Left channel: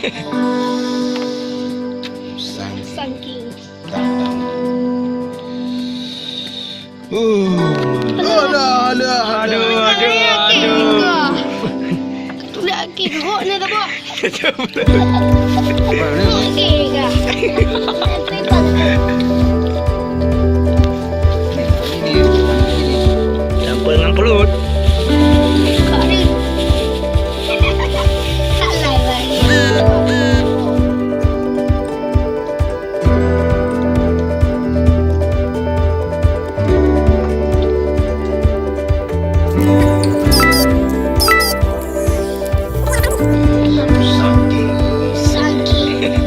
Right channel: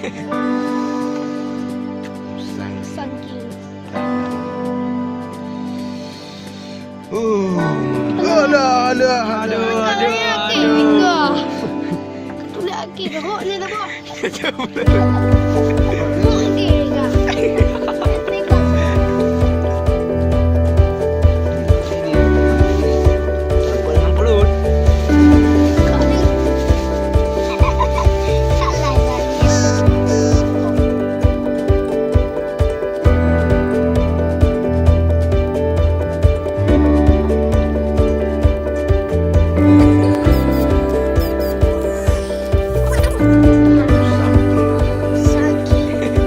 Saking. Aduh. Nak ke teruk nak tak buat? Okey ke? Campur dengan pelut. Kak ni. Tak lain lagi. Saking.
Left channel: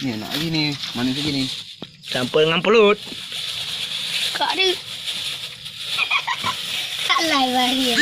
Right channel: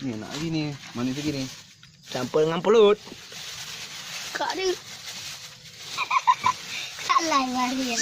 Ni nak lagi ni. Manis lagi ni. Campur dengan pelut. Kak ni. Tak lain lagi.